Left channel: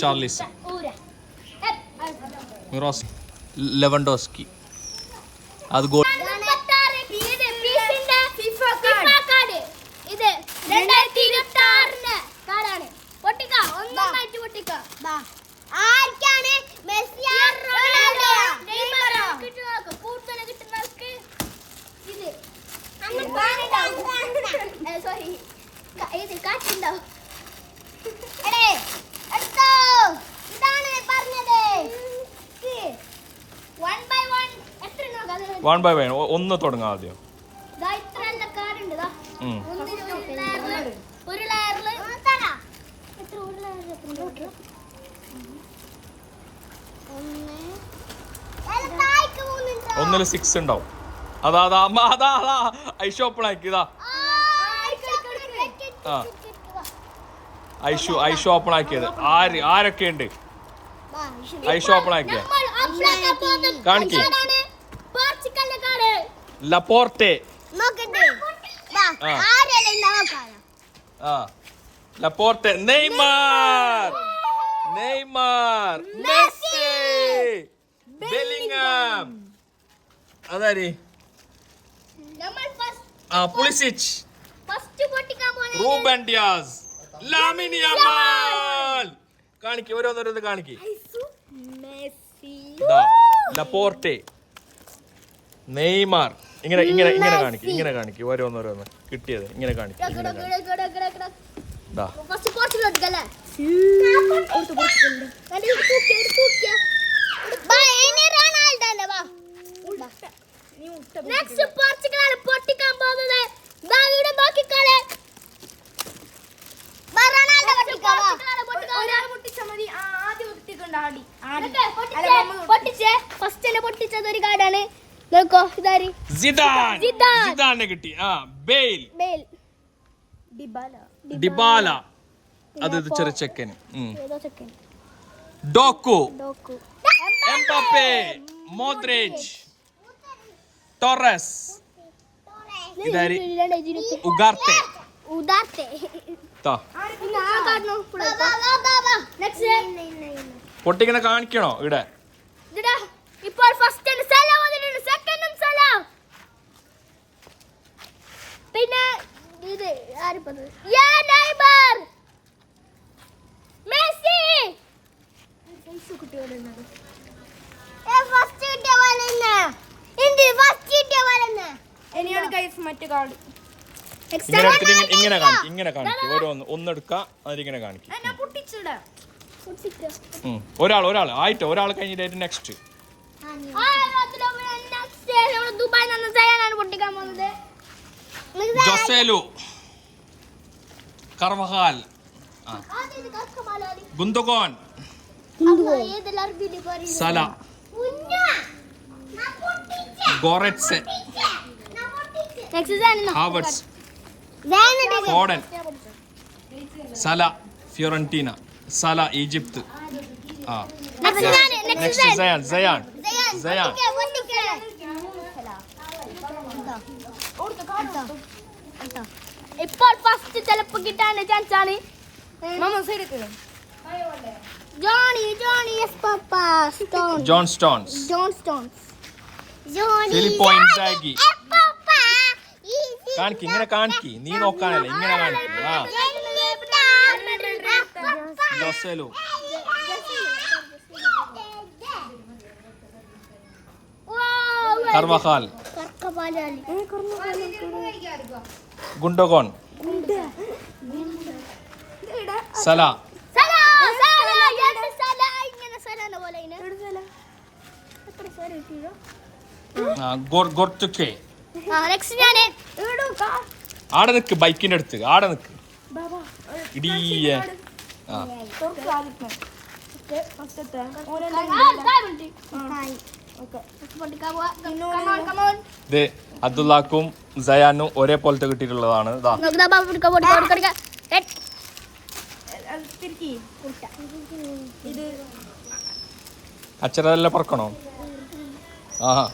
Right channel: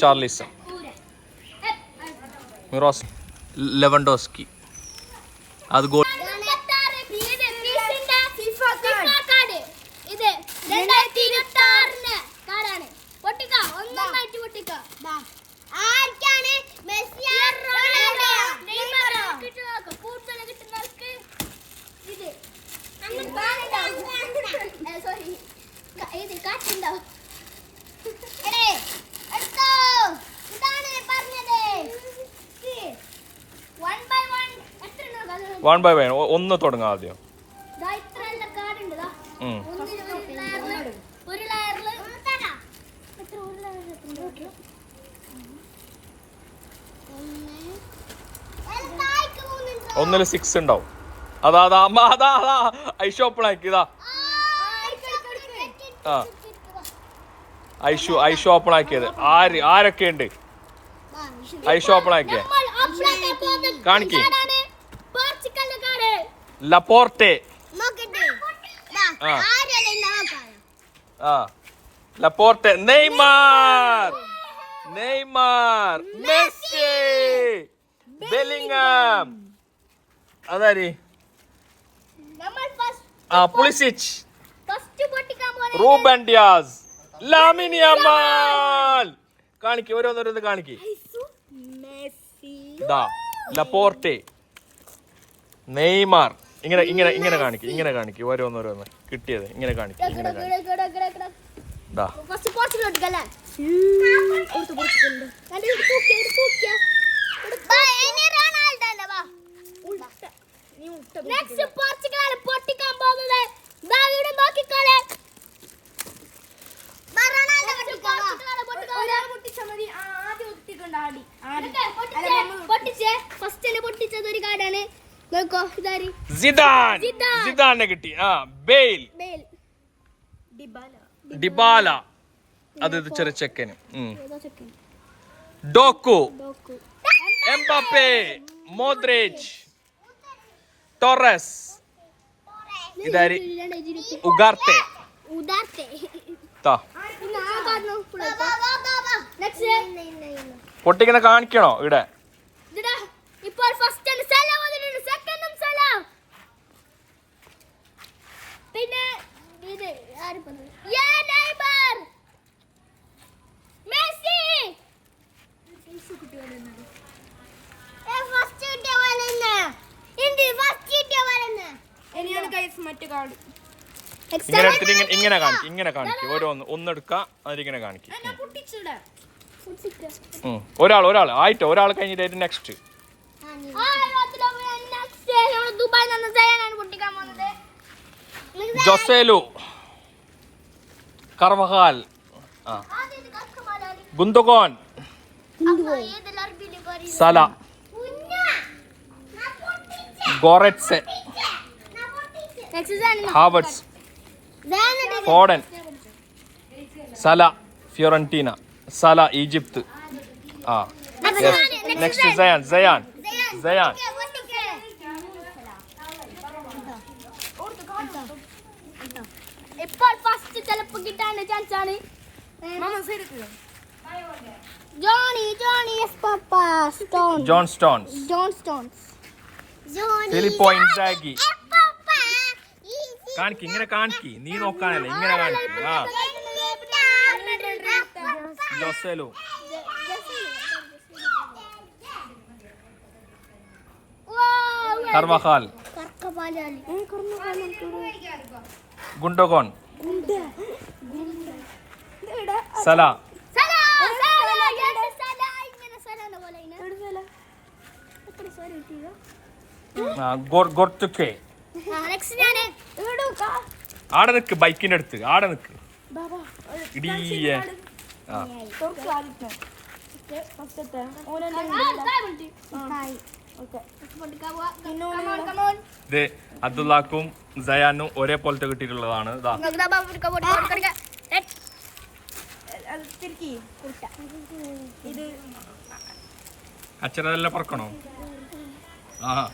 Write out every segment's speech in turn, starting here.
ചാർലിസ്, മിറോസ്, ലെവൻഡോസ്കി. അത് goal. One by one ഒന്ന് തുടങ്ങാം ആദ്യം. ഒന്നില് 6 ഉണ്ടാവും. അതാ അതാ അതാ അതാ ഐഷു ഓപ്പൺ ആക്കി. ഇതാ ആ ഐഷു ഓപ്പൺ ആക്കിയത്. ആരൊക്കെ ഉണ്ട് ഐഷു ഓപ്പൺ ആക്കിയ? കാണിക്ക്. Laporte, Laporte, Neymar, Messi, Bellingham, അതാരി Pulisic, Ruben Dias, Lamine Yamal. കാണിക്ക്, ഓരോന്നോരോന്ന് കാണിക്ക്. Laporte, Neymar. ഇങ്ങനെ ഇങ്ങനെ ഇങ്ങനെ കാണിക്കും, ഇങ്ങനെ കാണിക്കും. ഓരോന്നോരോന്ന് കിട്ടിയത് ഇങ്ങനെ കാണിക്കും, ഇങ്ങനെ കാണിക്കും. സിദാനെ കിട്ടി. ബെയിൽ, ഡിബാല, അത് ചെറിയ ചെക്കന്. ഡോക്കു, എംബാപ്പെ, മോദ്രിച്ച്, ടോറസ്, ഇതാരി ഉഗാർട്ടെ. പൊട്ടിങ്ങനെ കാണിക്കണോ ഇവിടെ? പിന്നെ ഇത് ഇങ്ങനെ കാണിക്കും, ഇങ്ങനെ കാണിക്കും. ഓരോന്ന് ഒന്നെടുക്കാം, അതിങ്ങനെ കാണിക്കും. ഒരാൾ ആയിട്ട് ഒരാൾ കഴിഞ്ഞിട്ട് നെക്സ്റ്റ്. ജോസേലു, കർവഹാൽ, ഗുന്തോഗോൻ, സല, ഗോററ്റ്സെ, ഹാവർട്സ്, ഫോഡൻ, സല ഫിയോറന്റീന, സല ഈജിപ്ത്. Next cyan. ഇപ്പോൾ ഫസ്റ്റ് ചിലപ്പോ കിട്ടാൻ ചാൻസ് ആണ്. John stones, ഫിലിപ്പോ Inzaghi. കാണിക്ക്, ഇങ്ങനെ കാണിക്ക്. നീ നോക്കാനല്ലേ, ഇങ്ങനെ കാണിക്ക്. ജോസേലു, കർവഹാൽ, ഗുണ്ടോഗോൺ, സല, ഗോർട്ടുക്കെ. ആടെ നിക്ക്, ബൈക്കിന്റെ അടുത്ത് ആടെ നിക്ക്. ഇടിയ ഇത് അബ്ദുല്ലാക്കും സയാനും ഒരേ പോലത്തെ കിട്ടിയിട്ടുള്ളതാണ്. അച്ഛനെല്ലാം പറക്കണോ? ആഹാ,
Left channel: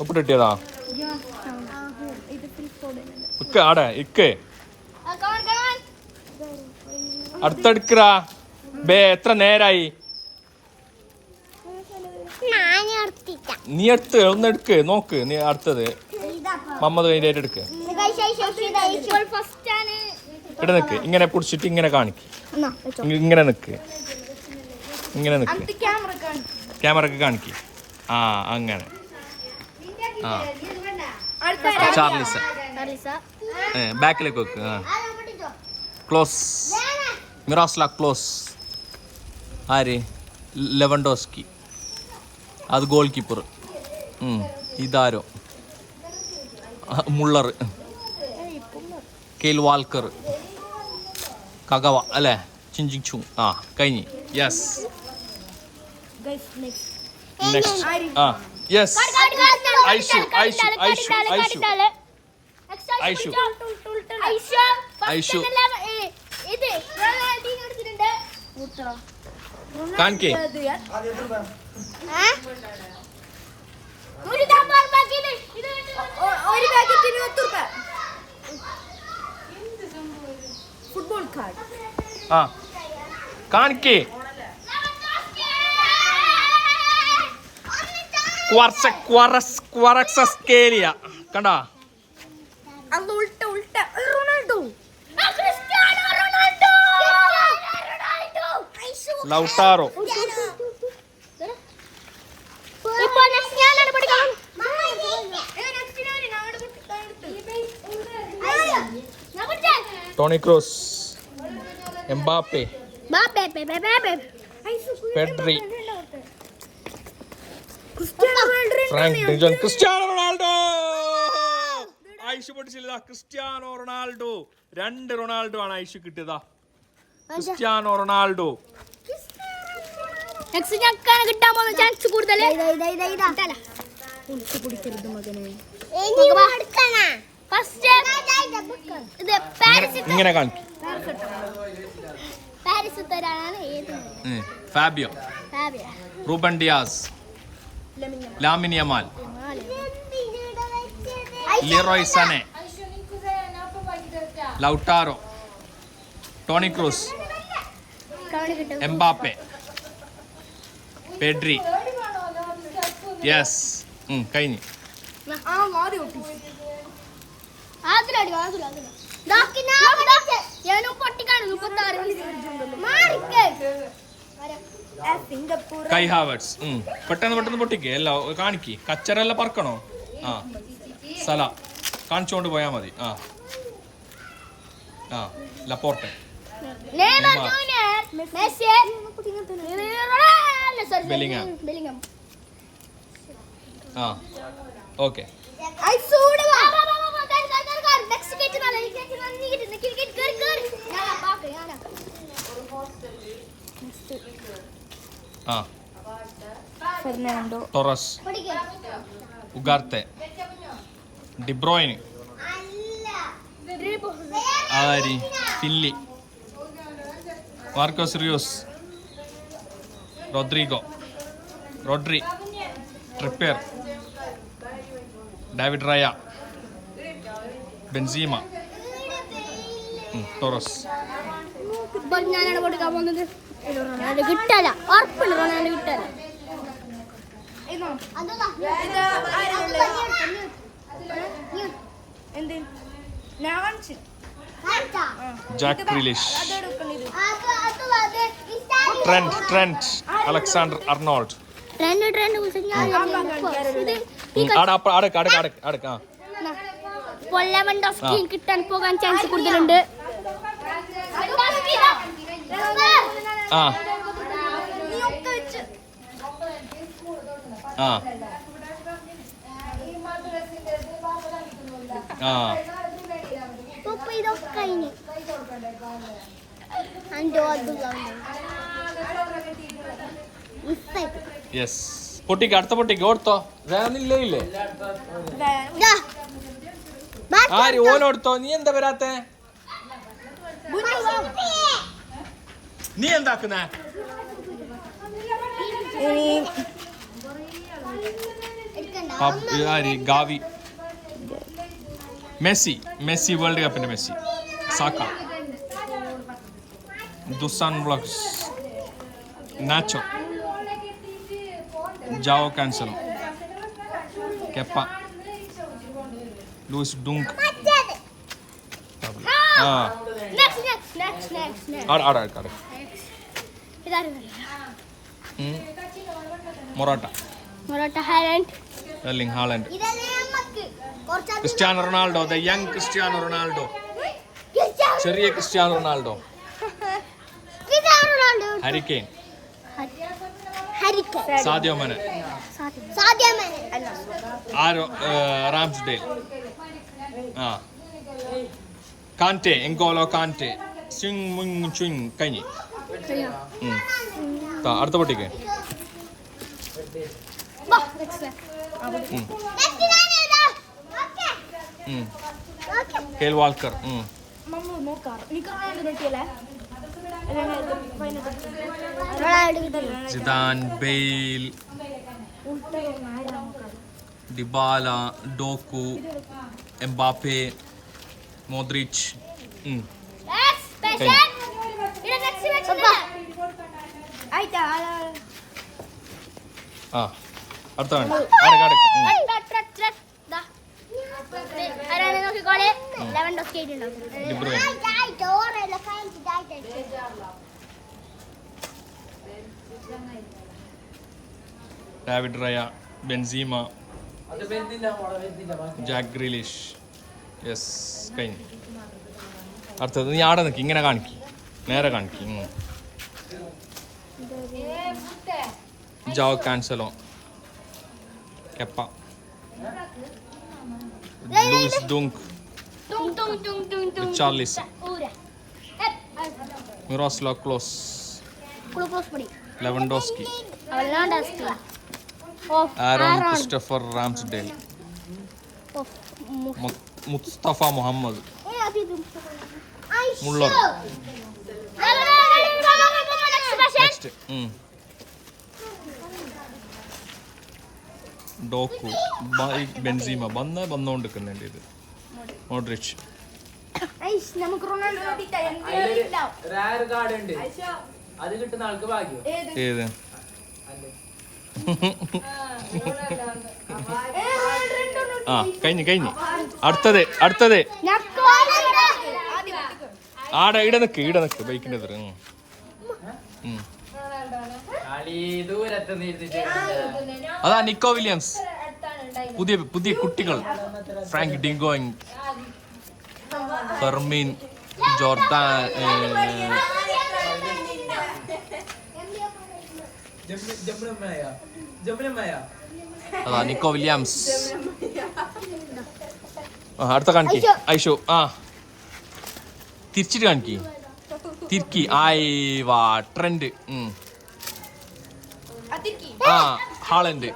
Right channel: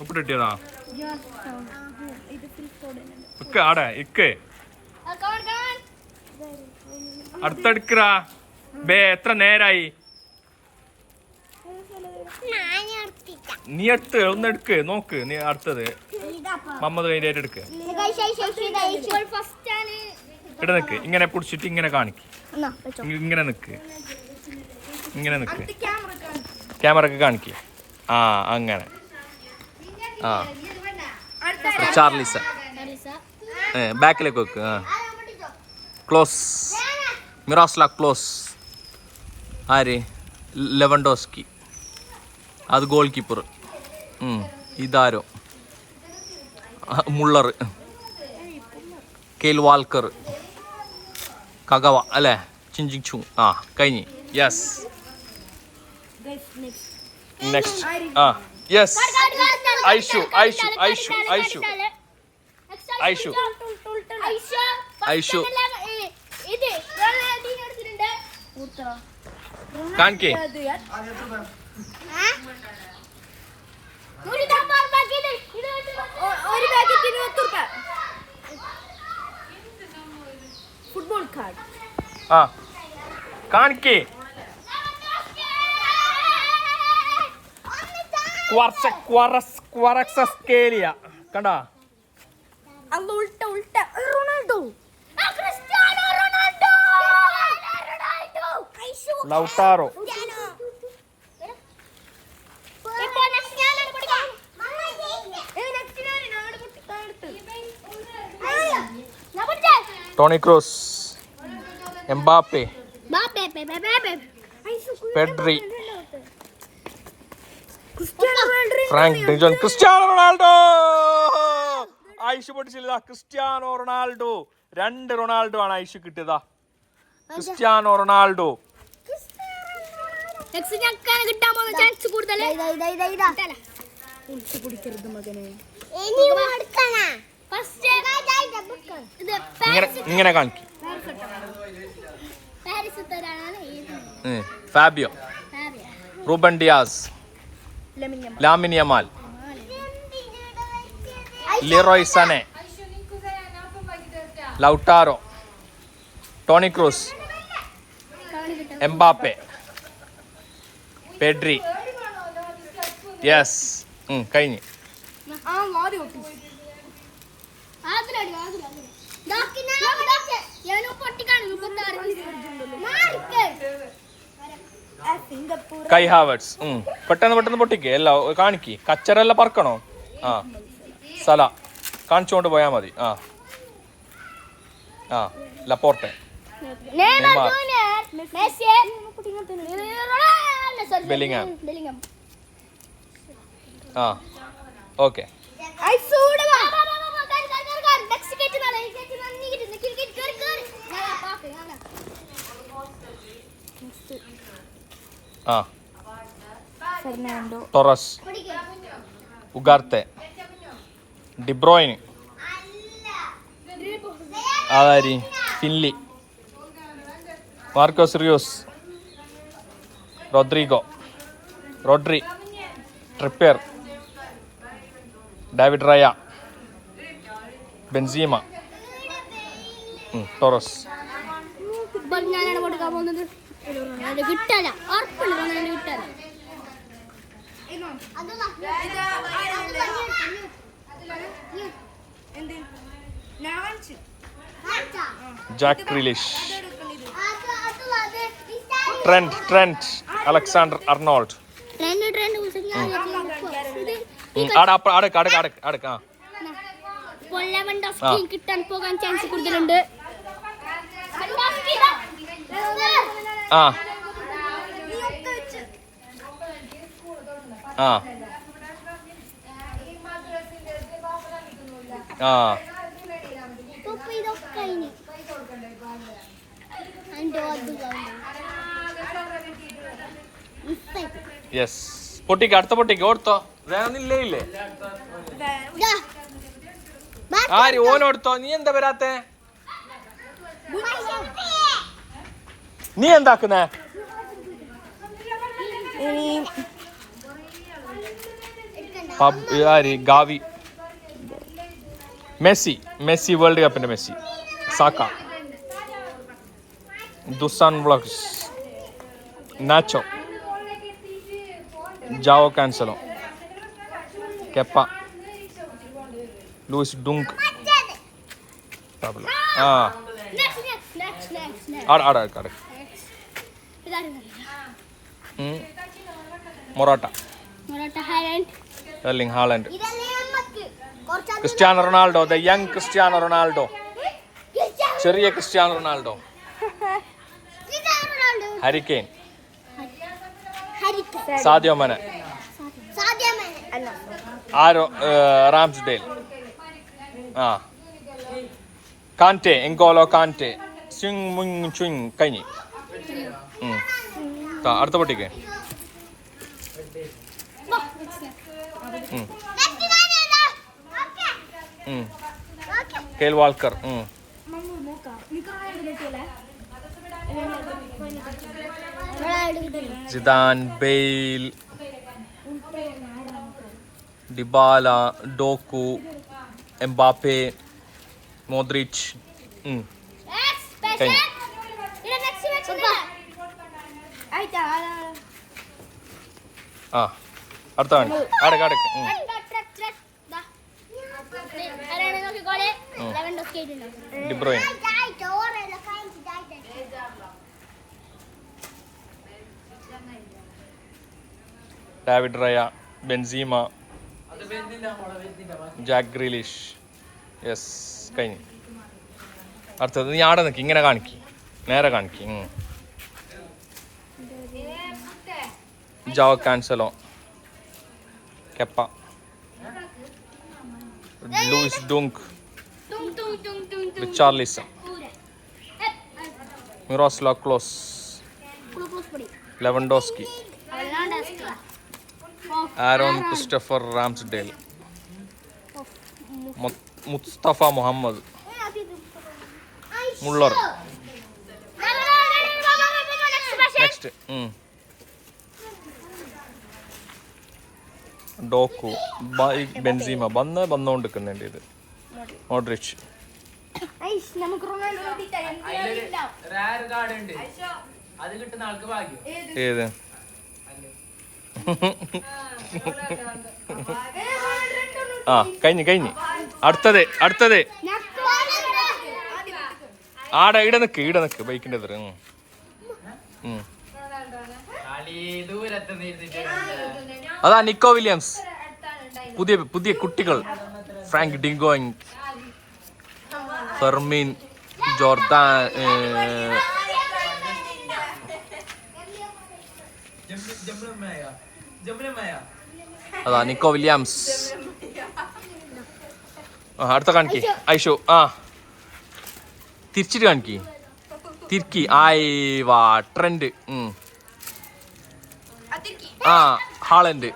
ഒപ്പിട്ട് കിട്ടിയതാ ഇത് ഫിൽ ഫോഡ് ഇക്ക ആടെ ഇക്ക് അടുത്തെടുക്കറാ ബേ എത്ര നേരായി നീ എടുത്ത് ഒന്ന് എടുക്ക് നോക്ക് നീ അടുത്തത് മമ്മത് കഴിഞ്ഞിട്ട് എടുക്ക് ഇവിടെ നിക്ക് ഇങ്ങനെ പിടിച്ചിട്ട് ഇങ്ങനെ കാണിക്ക് ഇങ്ങനെ നിക്ക് ഇങ്ങനെ നിക്ക് ക്യാമറക്ക് കാണിക്ക് ആ അങ്ങനെ ആ ചാർലിസ ബാക്കിലേക്ക് വെക്ക് ആ ക്ലോസ് മിറാസ്ല ക്ലോസ് ആര് ലെവൻഡോസ്കി അത് ഗോൾ കീപ്പർ ഇതാരോ മുള്ളർ കെയിൽ വാൽക്കർ കഗവ അല്ലേ ചിഞ്ചിങ് ചു ആ കഴിഞ്ഞ് യെസ് നെക്സ്റ്റ് ആ യെസ് ഐഷു ഐഷു ഐഷു ഐഷു ഐഷു ഐഷു കാണിക്കേ ഒരു പാക്കറ്റ് 20 രൂപ ഫുട്ബോൾ കാർഡ് ആ കാണിക്കേ ക്വാറക്സസ്കേലിയ കണ്ടാ അത് ഉൾട്ട റൊണാൾഡോ ക്രിസ്ത്യാനോ റൊണാൾഡോ ലൗട്ടാറോ ഇപ്പോ നെക്സ്റ്റ് ഞാനാണ് പഠിക്കണം ടോണി ക്രൂസ് എംബാപ്പെ ബാപ്പേ Pedri Frank de Jong Cristiano Ronaldo Aishu പൊട്ടിച്ചില്ല ക്രിസ്ത്യാനോ റൊണാൾഡോ 2 റൊണാൾഡോ ആണ് ഐഷു കിട്ടിയതാ ക്രിസ്ത്യാനോ റൊണാൾഡോ നെക്സ്റ്റ് ഞക്കാണ് കിട്ടാൻ പോകുന്ന ചാൻസ് കൂടുതൽ കുടിക്കരുത് മകനെ ഇത് ഇങ്ങനെ കാണിക്കും പാരീസ് തരാനാണ് ഏത് Fabio Reuben Dias Lamine Yamal Leroy Sanae Lautaro Toni Kroos Mbappe Pedri yes കഴിഞ്ഞു കൈ ഹാവേർട്സ് പെട്ടെന്ന് പൊട്ടിക്കേ എല്ലാം കാണിക്ക് കച്ചറെല്ലാം പറക്കണോ ആ സല കാണിച്ചുകൊണ്ട് പോയാ മതി ആ ആ ലപ്പോർട്ടെ നെയ്മർ ബെലിംഗാം ആ ഓക്കെ ആ ഫെർണാണ്ടോ ടൊറസ് ഉഗാർത്തെ ഡിബ്രോയിൻ ആരി Finley Marcos Rios Rodri Trippier David Raya Benzema Torres ഞാനാണ് കൊടുക്കാൻ പോകുന്നത് റൊണാൾഡോ കിട്ടാല ഉറപ്പില്ല റൊണാൾഡോ കിട്ടാല Jack Grealish Trent Alexander Arnold കിട്ടാൻ പോകാൻ ചാൻസ് കൂടുതലുണ്ട് ആ ആ ആ ഇതൊക്കെ യെസ് പൊട്ടിക്ക് അടുത്ത പൊട്ടിക്ക് ഓർത്തോ വേണമെന്നില്ലേ ഇല്ലേ ആര് ഓലോടുത്തോ നീ എന്താ വരാത്തെ നീ എന്താക്കുന്നേ? ആര് ഗാവി. മെസ്സി വേൾഡ് കപ്പിന്റെ മെസ്സി. സാക്ക. ദുസാൻ വ്ളോഗ്സ്. Nacho. Joao Cancelo. Kepa. Luis Dunk. Morata. Erling Haaland. Cristiano Ronaldo, the young Cristiano Ronaldo. ചെറിയ Cristiano Ronaldo. Harry Kane. Sadio Mane. Aaron Ramsdale. Kante. Ngolo Kante. സ്വിങ് മുങ് ചുങ്. കഴിഞ്ഞ്. അടുത്ത പൊട്ടിക്ക്. Kyle Walker. Zidane, Bale, Dybala, Doku, Mbappe, Modric. അടുത്ത De Bruyne. David Raya, Benzema, Jack Grealish. Yes, കഴിഞ്ഞു. അടുത്തത് നീ ആടെ നിൽക്കി, ഇങ്ങനെ കാണിക്കി, നേരെ കാണിക്കി. Joao Cancelo, Kepa, Luis Dunk, Richarlison, Miroslav Klose, Lewandowski, Aaron Christopher Ramsdale, Mustafa Mohammed, Muller. Next Doku, Benzema വന്നുകൊണ്ടിരിക്കുന്നുണ്ട്. ഇത് മോഡ്രിച്ച്. ഏത് കഴിഞ്ഞ് അടുത്തത് ആടെ ഇട നിക്ക് ബൈക്കിന്റെ എതിർ. അതാ നിക്കോ വില്യംസ്. പുതിയ കുട്ടികൾ. ഫ്രാങ്ക് ഡിങ്കോയിങ്, ഫെർമിൻ, ജോർദാൻ, അതാ നിക്കോ വില്യംസ്. അടുത്ത കാണിക്ക്. ഐഷോ. തിരിച്ചിട്ട് കാണിക്ക്. തിർക്കി. വാ ട്രെൻഡ്. ഹാളൻഡ്.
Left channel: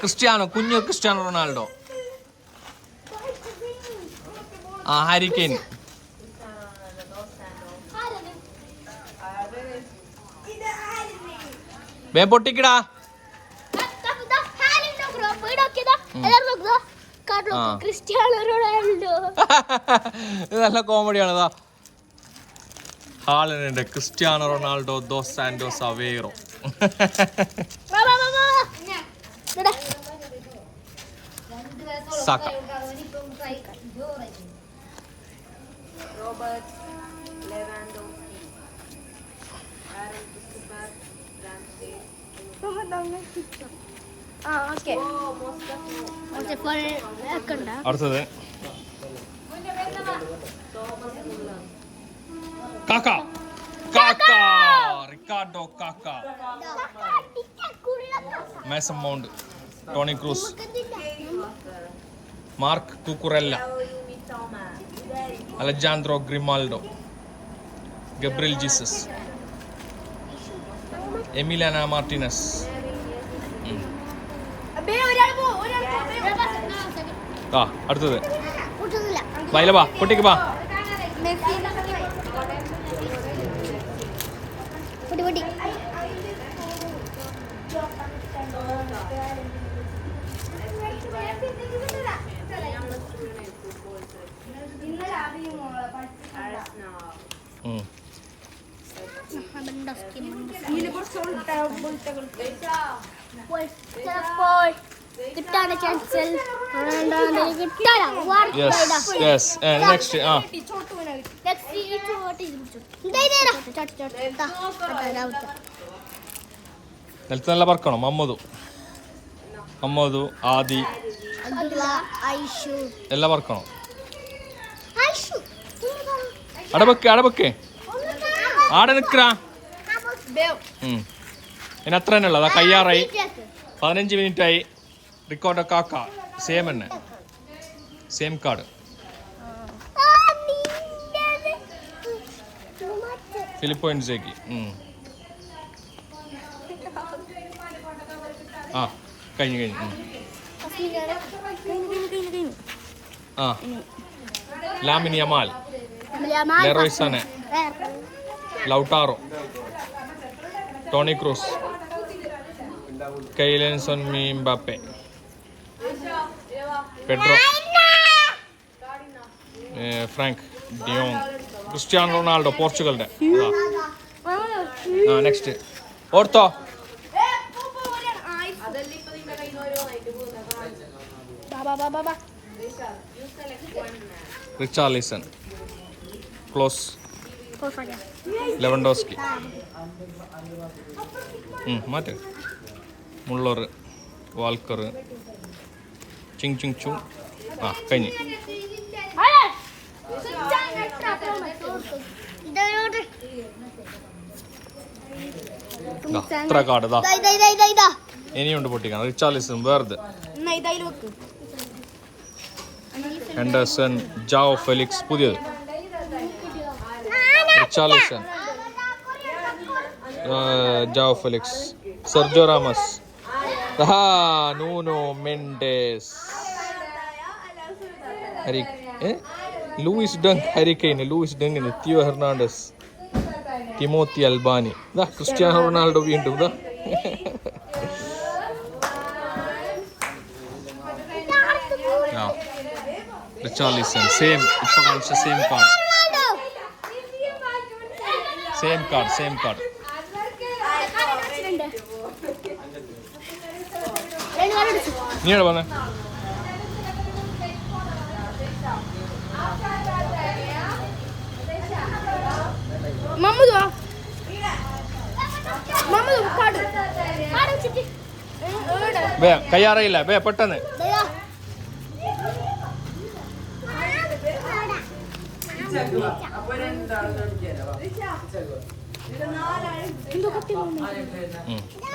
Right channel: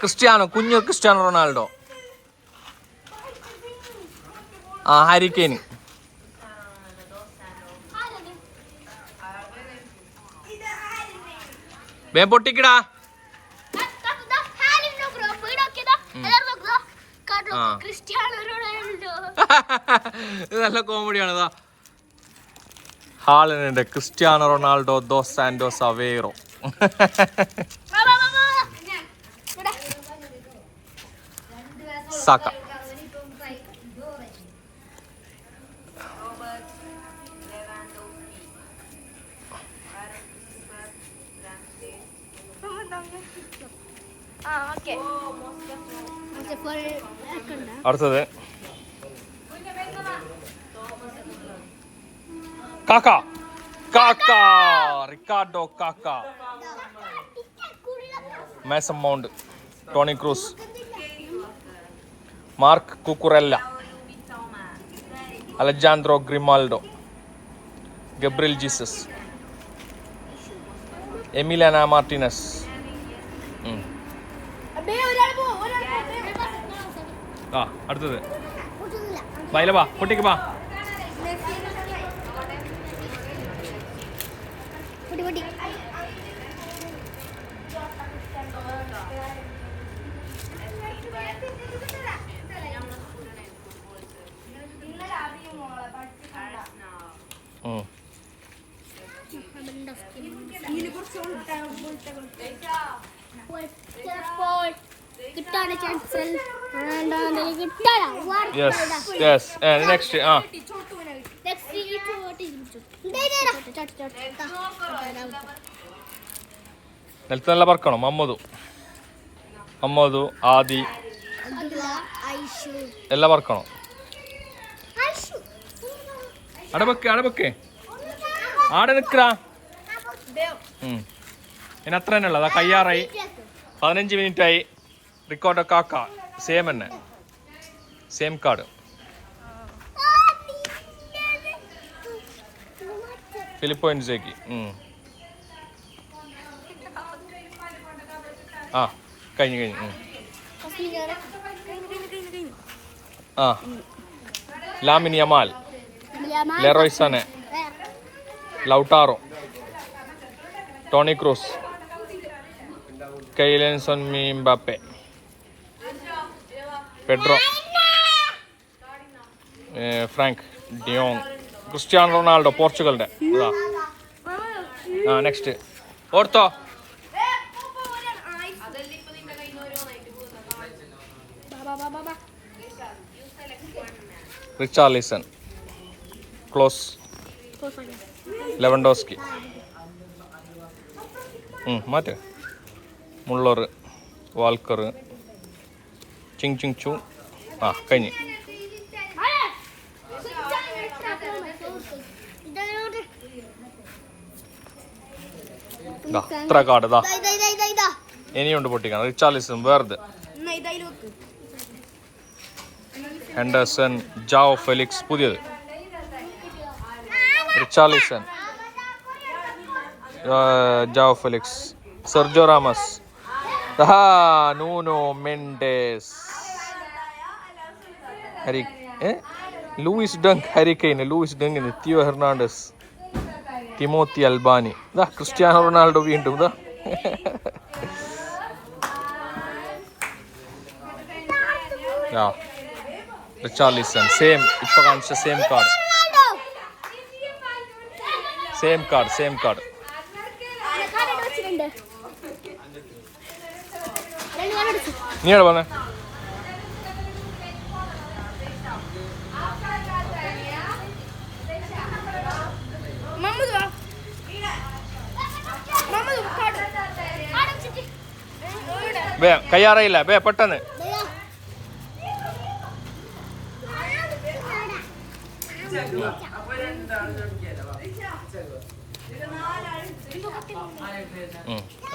ക്രിസ്ത്യാനോ, കുഞ്ഞു ക്രിസ്ത്യാനോ റൊണാൾഡോ. Harry Kane. വേ പൊട്ടിക്കടാ. ഇത് നല്ല കോമഡിയാണ്. Haaland, Cristiano Ronaldo, dos Santos Aveiro. Saka. അടുത്തത് Ricardo Kaka, Mason Mount, Toni Kroos, Marc Cucurella, Alejandro Grimaldo, Gabriel Jesus, Emiliano Martinez. അടുത്തത് വൈലബാ പൊട്ടിക്ക് ബാ. ചിലപ്പോൾ കിട്ടാൻ ചാൻസ് കിട്ടാനാ യെസ് നെക്സ്റ്റ് ആ നിലത്ത് നല്ല പറക്കണം അമ്മതു ആദി എല്ലാം പറക്കണം അടബക്ക് ആടെ നിക്കറാ ഇനി അത്ര തന്നെ ഉള്ളത് കയ്യാറായി 15 മിനിറ്റ് ആയി റിക്കോർഡൊക്കെ ആക്കാം സെയിം തന്നെ സെയിം കാർഡ് ഫിലിപ്പോയിൻസേക്ക് ആ കഴിഞ്ഞു ആ Lamine Yamal Leroy Sane Lautaro Toni Kroos Kylian Mbappe Pedro Frank de Jong Cristiano Ronaldo പോർച്ചുഗലിന്റെ ആ നെക്സ്റ്റ് ഓർത്തോ Richarlison Klose Lewandowski Matt Muller Walker ചിങ് ചു ആ കഴിഞ്ഞ് ഇത്ര കാർഡ് ഇതാ ഇനിയുണ്ട് പൊട്ടിക്കാൻ റിച്ചാർലിസൺ വേർത് ഹെൻഡർസൺ ജാവോ ഫെലിക്സ് പുതിയത് Richarlison Joao Felix Sergio Ramos Nuno Mendes Luis Dunk Harry Kane Luis ഡങ്കിന് തിയോ ഹെർണാണ്ടസ് തിമോത്തി അൽബാനി ക്രിസ്ത്യാനോ റൊണാൾഡോ വീണ്ടും റിച്ചാർലിസൺ സെയിം ഇപ്പൊ കാണിച്ച സെയിം കാർഡ് നീ പറഞ്ഞേ ബേ കയ്യാറയില്ല ബേ പെട്ടെന്ന്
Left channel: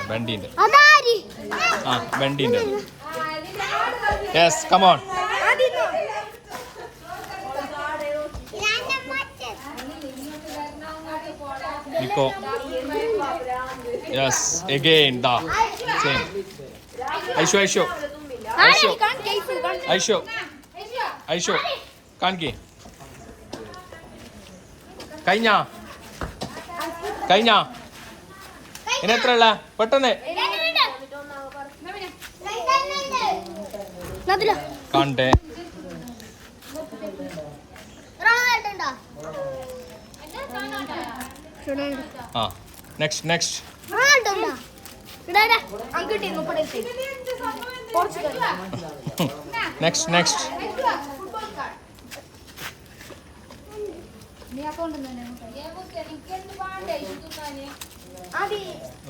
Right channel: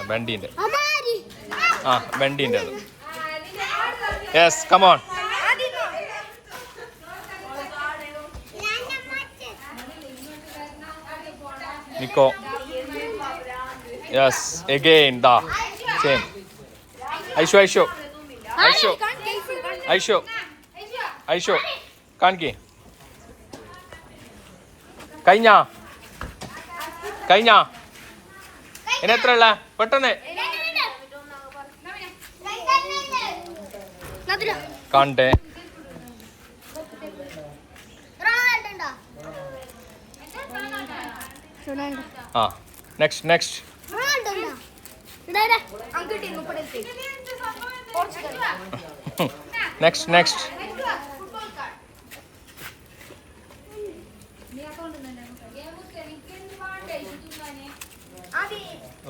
ബണ്ടിന്റെ ആ ബണ്ടിന്റെ yes come on Nico yes again ദാ സെയിം ഐഷോ കാണിക്കേ കഴിഞ്ഞ ഇനി എത്ര ഉള്ള പെട്ടെന്ന് കാണട്ടെ ആ next next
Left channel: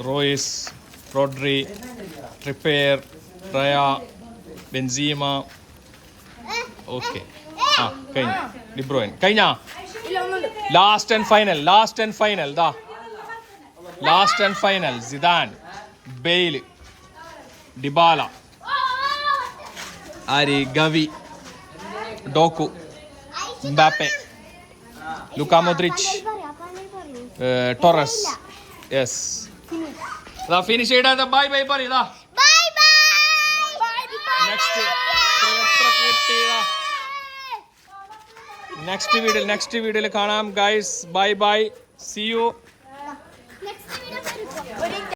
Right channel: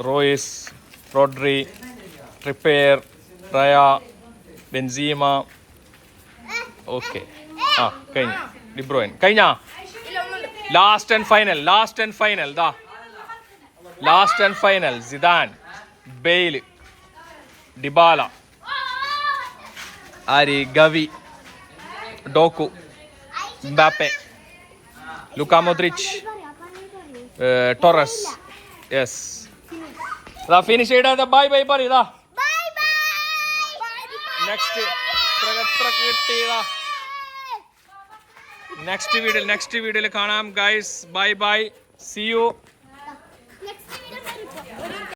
Reus Rodri Trippier Raya Benzema okay ആ കഴിഞ്ഞു ഡിബ്രോയിൻ കഴിഞ്ഞ last and final Zidane Bale Dybala ആരി Gavi Doku Mbappe Luka Modric Torres yes ഇതാ ഫിനിഷ് ചെയ്താ ബൈ പറയതാ നെക്സ്റ്റ് വീഡിയോയിൽ കാണാം ഗൈസ് ബൈ സീ യു